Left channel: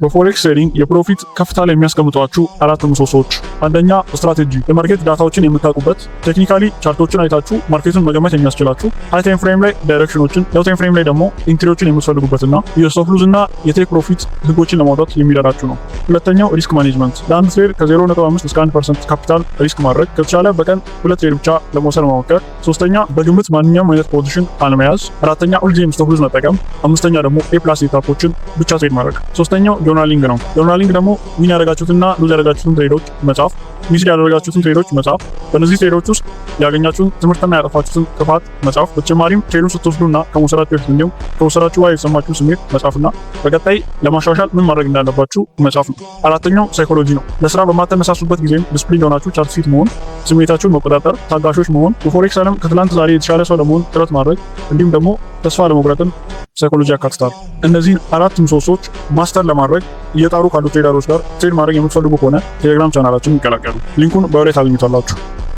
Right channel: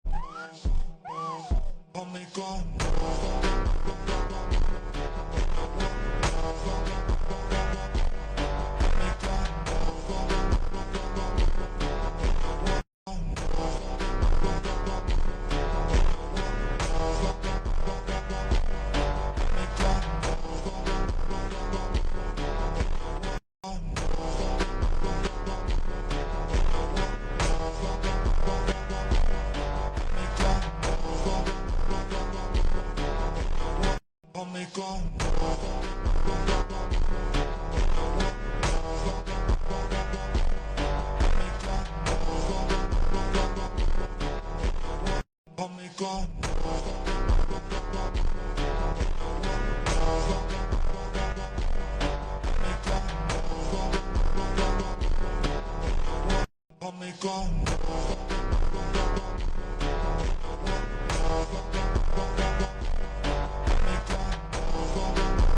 በፎሬክስ ትሬዲንግ የፕሮፊት ከፍታ ላይ የሚያስቀምጧችሁ አራት ምሰሶዎች። አንደኛ ስትራቴጂ፣ የማርኬት ዳታዎችን የምታውቁበት፣ ቴክኒካሊ ቻርቶችን አይታችሁ ማርኬቱን መገመት የሚያስችላችሁ፣ ሃይ ታይም ፍሬም ላይ ዳይሬክሽኖችን፣ ሎው ታይም ፍሬም ላይ ደግሞ ኢንትሪዎችን የምትፈልጉበትና የስቶፕ ሉዝ እና የቴክ ፕሮፊት ህጎችን ለማውጣት የሚረዳችሁ ነው። ሁለተኛው ሪስክ ማኔጅመንት፣ ለአንድ ትሬድ ከ0.5 እስከ 1% ካፒታል ሪስክ ማድረግ፣ ከተቻለ በቀን 2 ትሬድ ብቻ ለመውሰድ መሞከር። ሶስተኛ በግምት ማንኛውም አይነት ፖዚሽን አለመያዝ። አራተኛ ሁልጊዜም ስቶፕ ሉዝ መጠቀም። አምስተኛ ደግሞ ኤ+ ሴታፖችን ብቻ ትሬድ ማድረግ። ሶስተኛው ጆርናሊንግ ነው። ጆርናሊንግ ደግሞ ዊን ያደረጋችሁትና ሉዝ ያደረጋችሁትን ትሬዶች መጻፍ፣ ሚስ ያደረጋችሁትን ትሬዶች መጻፍ፣ በእነዚህ ትሬዶች ውስጥ ያገኛችሁትን ትምህርትና ያጠፋችሁትን ጥፋት መጻፍ፣ በተጨማሪም ትሬዱን ስትወስዱና ከመውሰዳችሁ በፊት እንዲሁም ከወሰዳችሁ በኋላ የተሰማችሁ ስሜት መጻፍና በቀጣይ ለማሻሻል ምን ማድረግ እንዳለባችሁ መጻፍ ነው። አራተኛው ሳይኮሎጂ ነው። ለስራ በማተነሳሱበት ጊዜም ዲስፕሊን ሆናችሁ ቻርት ፊት መሆን፣ ስሜታችሁን መቆጣጠር፣ ታጋሾች መሆን፣ በፎሬክስ ዓለም ከትላንት ዛሬ የተሻለ ሰው ለመሆን ጥረት ማድረግ እንዲሁም ደግሞ ተስፋ ለመቁረጥን ሳይኮሎጂ ያካትታል። እነዚህን አራት ምሰሶች ማስተር ለማድረግ እየጣሩ ካሉ ትሬደሮች ጋር ትሬድ ማድረግ የምትፈልጉ ከሆነ ቴሌግራም ቻናላችን ይቀላቀሉ። ሊንኩን በወሬ ታገኙታላችሁ።